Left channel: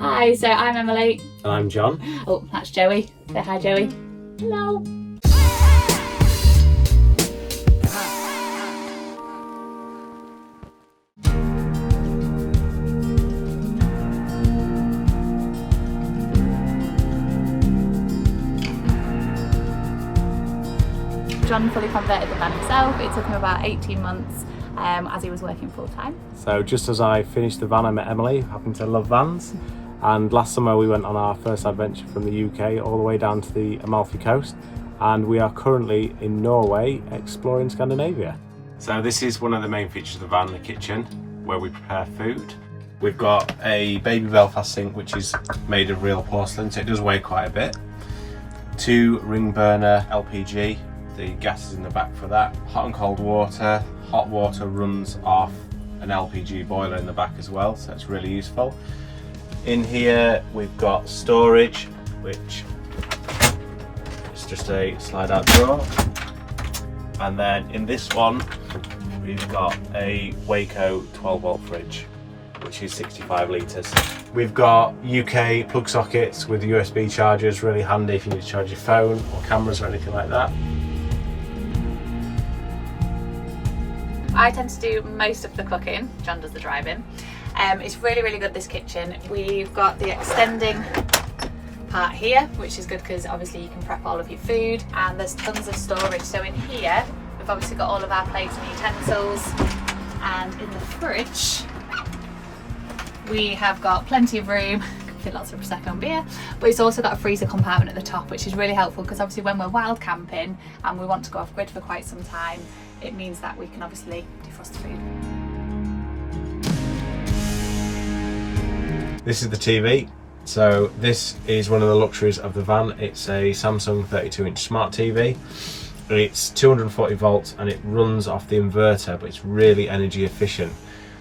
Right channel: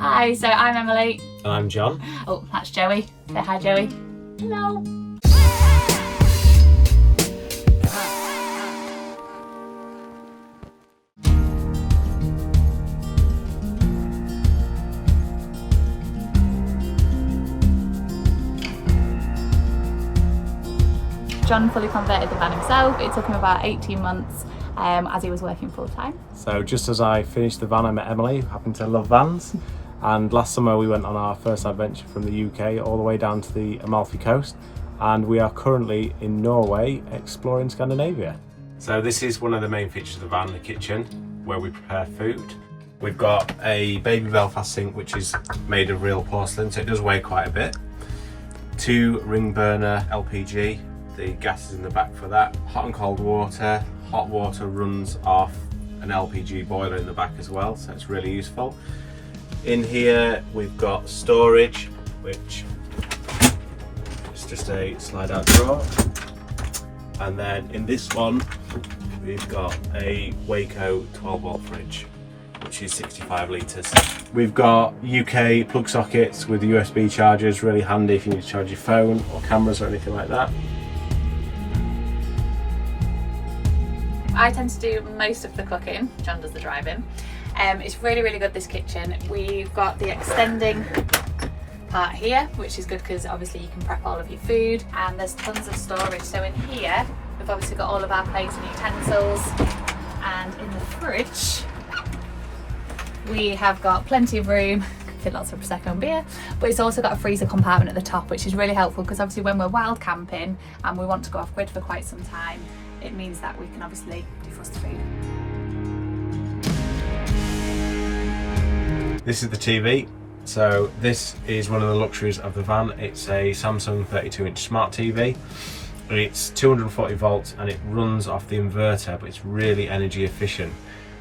Hi, so I'm Emily. And I'm John. Oh, that's Joey. Say hi, Joey. Hello. John fully converted the van himself. It took him about 18 months as he was working full time. So just as I finished the van, I met Emily, who happened to love vans. And last summer we went on our first adventure from the UK all the way down to the Amalfi Coast. And we are currently in Norway exploring Scandinavia. So this is one of the main features of the van, the kitchen, where we prepare food. We've got a baby Belfast sink, which is made of real porcelain, so it does weigh quite a bit. 2 ring burner LPG. The gas is in the back for that. Hot and cold water. Hot water runs off an LPG boiler in the back as well, so it's really useful. In here we've got storage, which is just a slide out drawer. And then in this one we've got a Waco 12 volt fridge, which is 65 litres. We've got UK plug sockets with USB chargers, really handy if you need to charge your phone or cameras or anything like that. I tend to do most of the cooking, John does the driving. It's really, really good, this kitchen. We've got the extending part here, which is good because obviously you can prep all of your food, and there's tons of storage. So in here, we've obviously got all of our plates and utensils, and in the fridge, we have got plenty of room. Fit lots of Prosecco and beer, but it's also got a freezer compartment at the top, which is really helpful because obviously when we're wild camping and we want to go off grid for quite some time, it means that we can obviously defrost the food. This is the TV. So this is one of the luxuries of the van. It's a Samsung 32-inch smart TV. It's 240 volts and it runs off the inverter, but it's really energy efficient.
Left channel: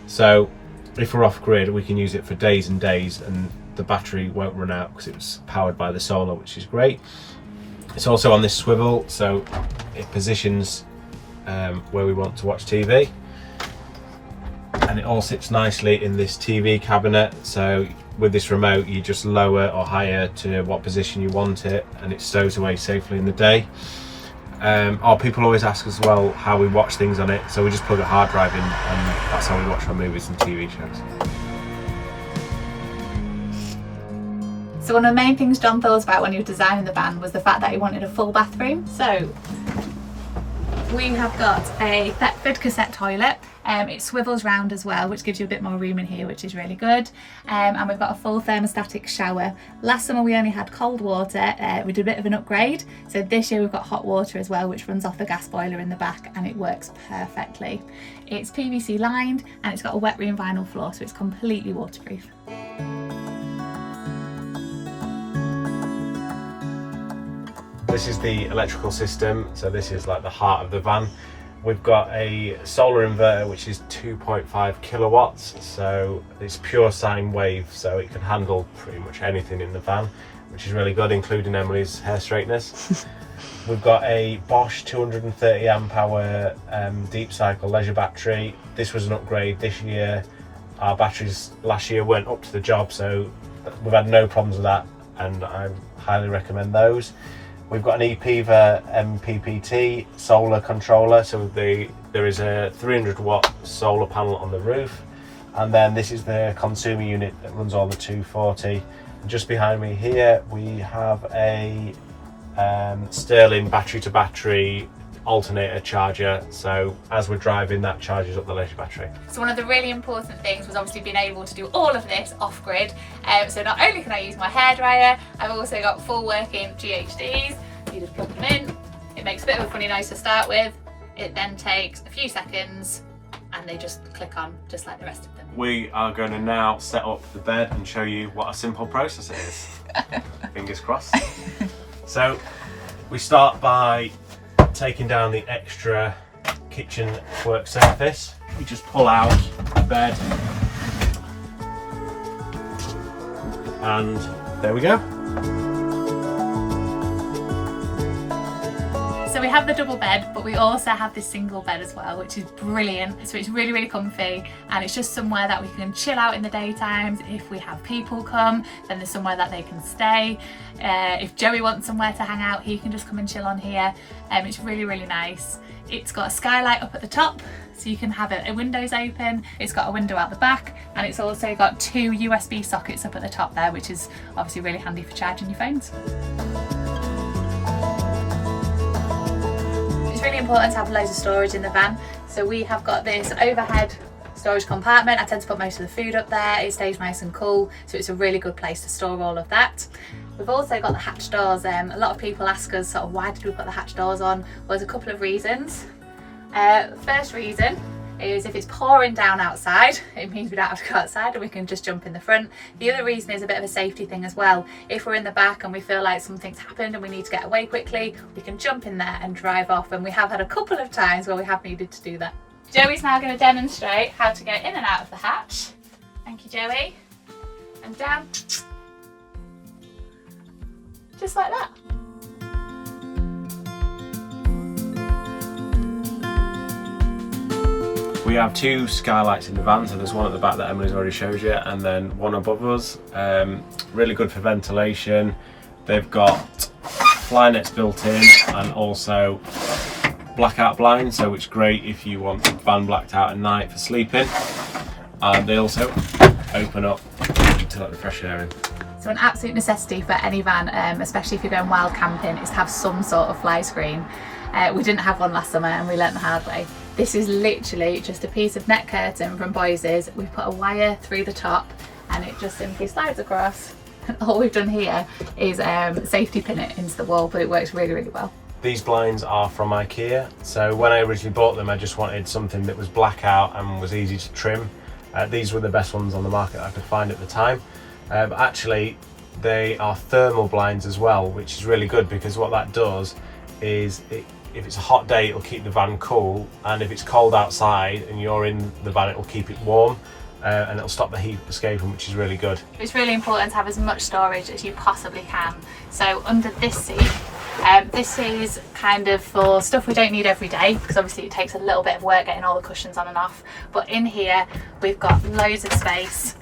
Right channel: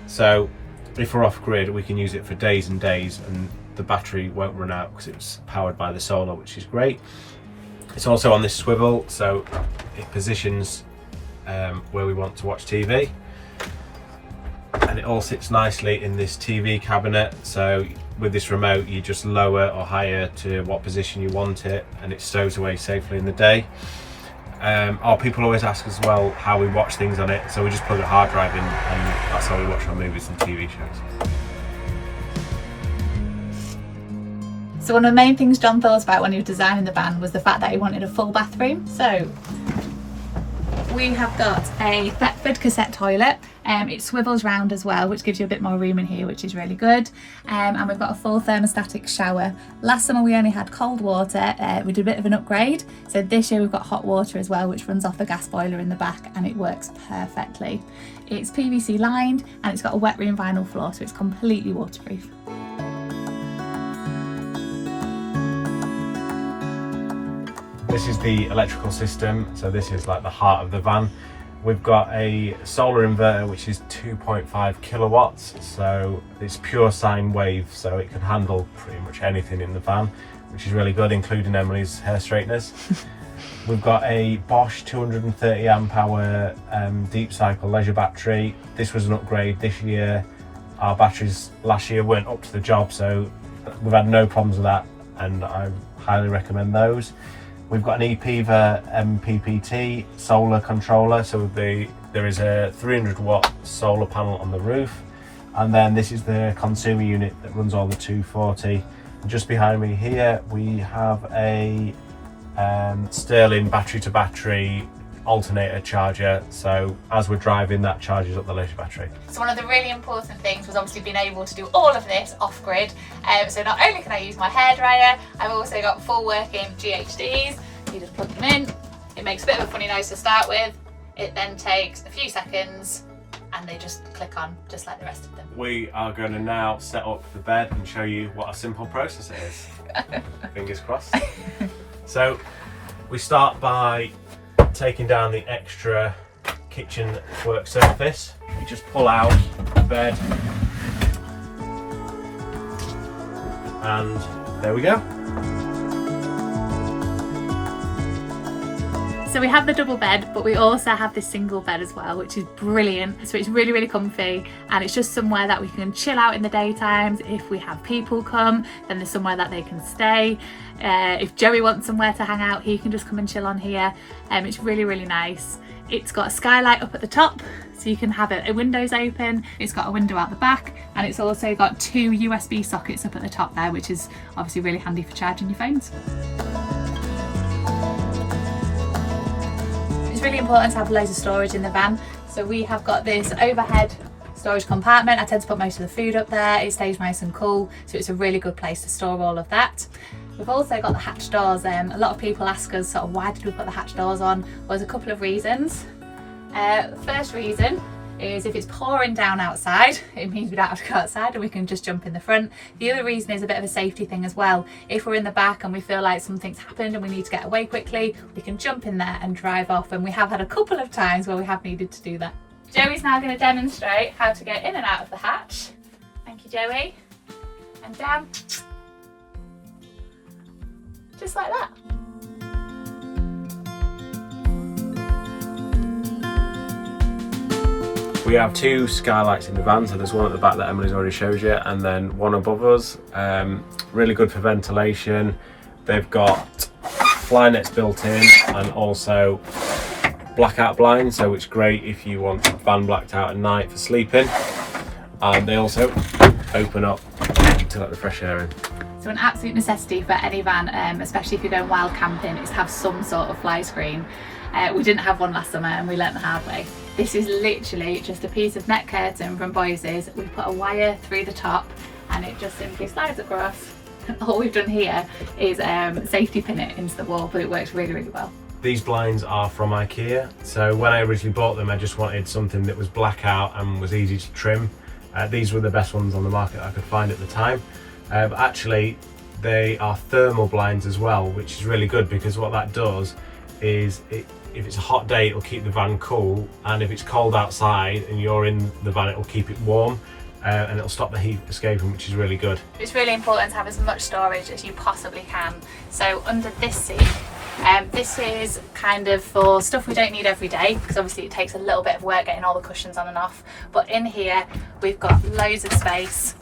So if we're off grid, we can use it for days and days, and the battery won't run out because it's powered by the solar, which is great. It's also on this swivel, so it positions where we want to watch TV. And it all sits nicely in this TV cabinet, so with this remote you just lower or higher to what position you want it, and it stows away safely in the day. People always ask as well how we watch things on it, so we just plug a hard drive in and that's how we watch our movies and TV shows. So one of the main things John thought about when he was designing the van was the fact that he wanted a full bathroom. So we have got a Thetford cassette toilet. It swivels round as well, which gives you a bit more room in here, which is really good. And we've got a full thermostatic shower. Last summer we only had cold water. We did a bit of an upgrade. So this year we've got hot water as well, which runs off the gas boiler in the back, and it works perfectly. It's PVC lined and it's got a wet room vinyl floor, so it's completely waterproof. This is the electrical system, so this is like the heart of the van. We've got a solar inverter which is 2.5 kilowatts, so it's pure sine wave, so it can handle pretty much anything in the van, which is really good, including Emily's hair straighteners. We've got a Bosch 230 amp hour deep cycle leisure battery. This was an upgrade this year. Our batteries last year weren't up to the job, so we've had no problems with that, and I highly recommend those. We've got an ePiva MPPT solar controller, so there is a 300 watt solar panel on the roof, and then this is the consumer unit that runs all the 240. And just behind me here we have a Sterling battery to battery alternator charger, so as we're driving that charges up the leisure battery. So one of the really important things was obviously being able to do all of this off grid. So not only can I use my hairdryer, I've also got full working GHDs. You just plug them in, it makes a bit of a funny noise to start with, it then takes a few seconds and they just click on just like the rest of them. We are going to now set up the bed and show you what a simple process it is. Fingers crossed. So we start by taking down the extra kitchen work surface. We just pull out the bed and there we go. So So we have the double bed, but we also have this single bed as well, which is brilliant. So it's really, really comfy, and it's just somewhere that we can chill out in the daytimes. If we have people come, then there's somewhere that they can stay. If Joey wants somewhere to hang out, he can just come and chill on here. It's really, really nice. It's got a skylight up at the top, so you can have it windows open. It's got a window out the back, and it's also got 2 USB sockets up at the top there, which is obviously really handy for charging your phones. It's really important to have loads of storage in the van. So we have got this overhead storage compartment. I tend to put most of the food up there. It stays nice and cool, so it's a really good place to store all of that. We've also got the hatch doors. A lot of people ask us sort of why did we put the hatch doors on? Well, there's a couple of reasons. First reason is if it's pouring down outside, it means we don't have to go outside and we can just jump in the front. The other reason is a bit of a safety thing as well. If we're in the back and we feel like something's happened and we need to get away quickly, we can jump in there and drive off, and we have had a couple of times where we have needed to do that. Joey's now going to demonstrate how to get in and out of the hatch. Thank you, Joey. And down. Just like that. We have 2 skylights in the van, so there's one at the back that Emily's already showed you, and then one above us. Really good for ventilation. They've got fly nets built in, and also blackout blinds, so it's great if you want the van blacked out at night for sleeping. And they also open up to let the fresh air in. So an absolute necessity for any van, especially if you're going wild camping, is to have some sort of fly screen. We didn't have one last summer and we learnt the hard way. This is literally just a piece of net curtain from Boyce's. We've put a wire through the top and it just simply slides across. And all we've done here is safety pin it into the wall, but it works really, really well. These blinds are from IKEA. So when I originally bought them, I just wanted something that was blackout and was easy to trim. These were the best ones on the market I could find at the time. Actually, they are thermal blinds as well, which is really good because what that does is if it's a hot day, it'll keep the van cool, and if it's cold outside and you're in the van, it'll keep it warm, and it'll stop the heat escaping, which is really good. It's really important to have as much storage as you possibly can. So under this seat, this is kind of for stuff we don't need every day, because obviously it takes a little bit of work getting all the cushions on and off. But in here, we've got loads of space.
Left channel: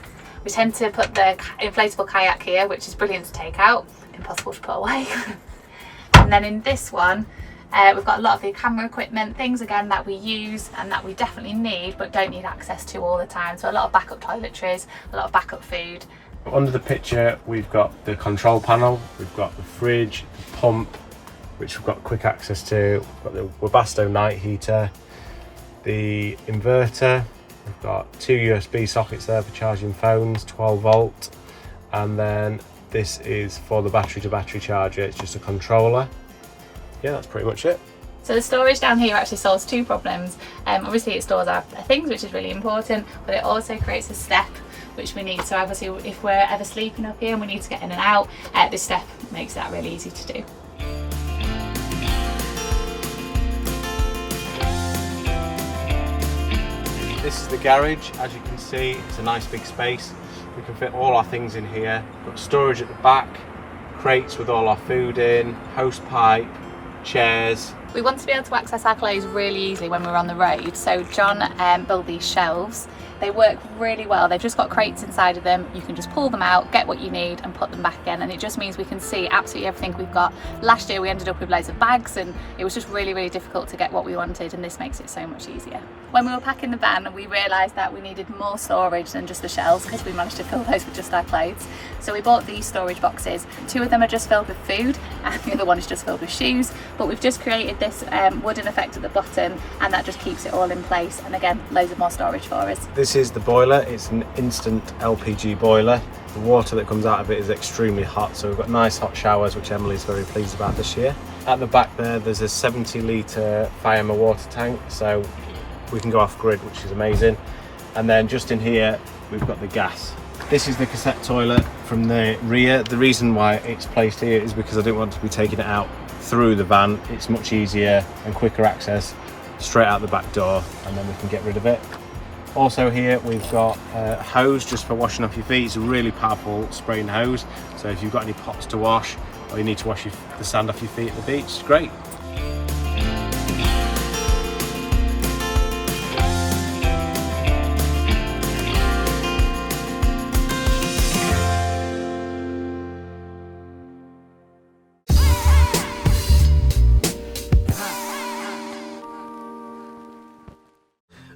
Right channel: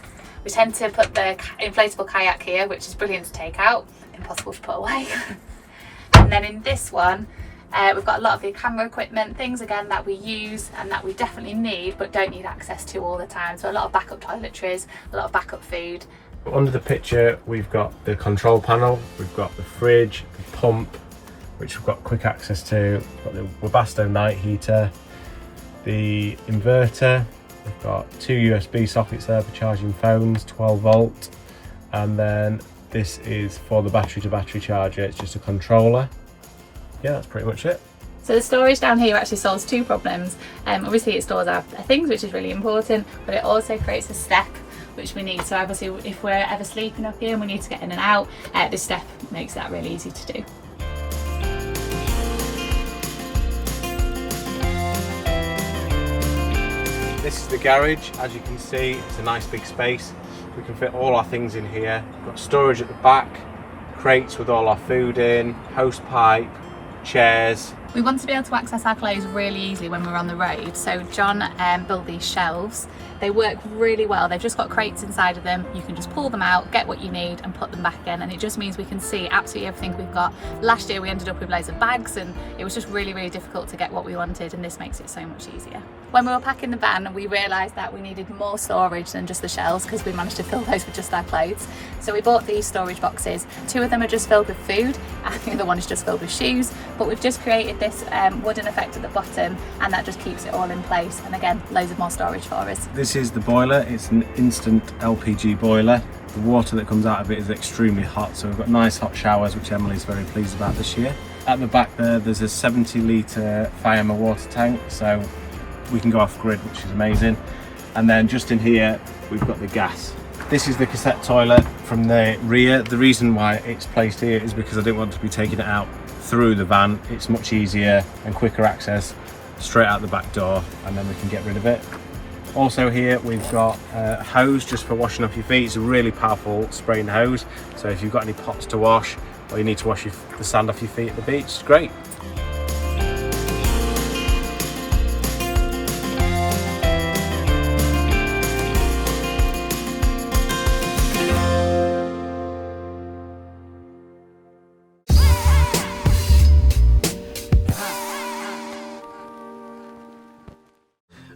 We tend to put the inflatable kayak here, which is brilliant to take out, impossible to put away. And then in this one, we've got a lot of the camera equipment, things again that we use and that we definitely need but don't need access to all the time. So a lot of backup toiletries, a lot of backup food. Under the picture, we've got the control panel, we've got the fridge, the pump, which we've got quick access to, we've got the Webasto night heater, the inverter, we've got 2 USB sockets there for charging phones, 12 volt, and then this is for the battery to battery charger. It's just a controller. Yeah, that's pretty much it. So the storage down here actually solves 2 problems. Obviously it stores our things, which is really important, but it also creates a step which we need. So obviously if we're ever sleeping up here and we need to get in and out, this step makes that really easy to do. This is the garage. As you can see, it's a nice big space. We can fit all our things in here. We've got storage at the back, crates with all our food in, hose pipe, chairs. We want to be able to access our clothes really easily when we're on the road, so John built these shelves. They work really well. They've just got crates inside of them. You can just pull them out, get what you need and put them back in, and it just means we can see absolutely everything we've got. Last year we ended up with loads of bags and it was just really, really difficult to get what we wanted, and this makes it so much easier. When we were packing the van, we realised that we needed more storage than just the shelves because we managed to fill those with just our clothes. So we bought these storage boxes. 2 of them are just filled with food and the other one is just filled with shoes, but we've just created this wooden effect at the bottom, and that just keeps it all in place, and again, loads of more storage for us. This is the boiler. It's an instant LPG boiler. The water that comes out of it is extremely hot, so we've got nice hot showers, which Emily's very pleased about this year. At the back there's a 70-litre Firemer water tank, so we can go off grid, which is amazing. And then just in here we've got the gas. This is the cassette toilet from the rear. The reason why it's placed here is because I didn't want to be taking it out through the van. It's much easier and quicker access straight out the back door, and then we can get rid of it. Also here we've got a hose just for washing off your feet. It's a really powerful spraying hose, so if you've got any pots to wash or you need to wash the sand off your feet at the beach, it's great.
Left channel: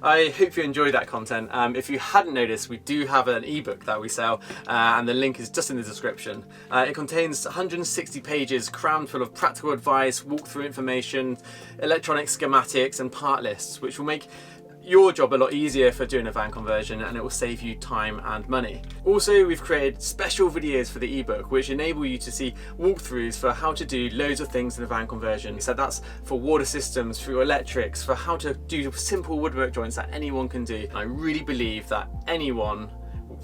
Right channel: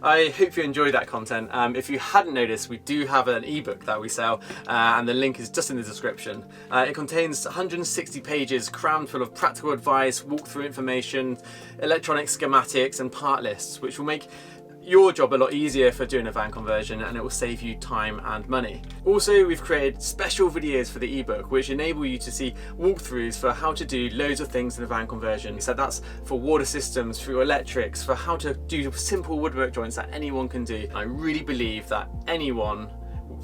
I hope you enjoyed that content. If you hadn't noticed, we do have an ebook that we sell, and the link is just in the description. It contains 160 pages crammed full of practical advice, walkthrough information, electronic schematics and part lists, which will make your job a lot easier for doing a van conversion, and it will save you time and money. Also, we've created special videos for the ebook which enable you to see walkthroughs for how to do loads of things in a van conversion. So that's for water systems, for your electrics, for how to do simple woodwork joints that anyone can do. I really believe that anyone,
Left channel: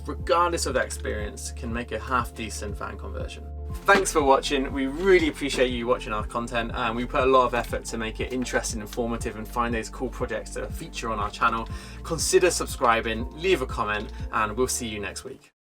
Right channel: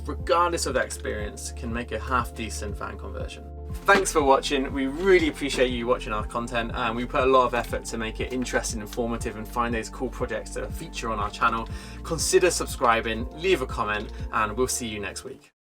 regardless of their experience, can make a half decent van conversion. Thanks for watching. We really appreciate you watching our content, and we put a lot of effort to make it interesting, informative, and find those cool projects that feature on our channel. Consider subscribing, leave a comment, and we'll see you next week.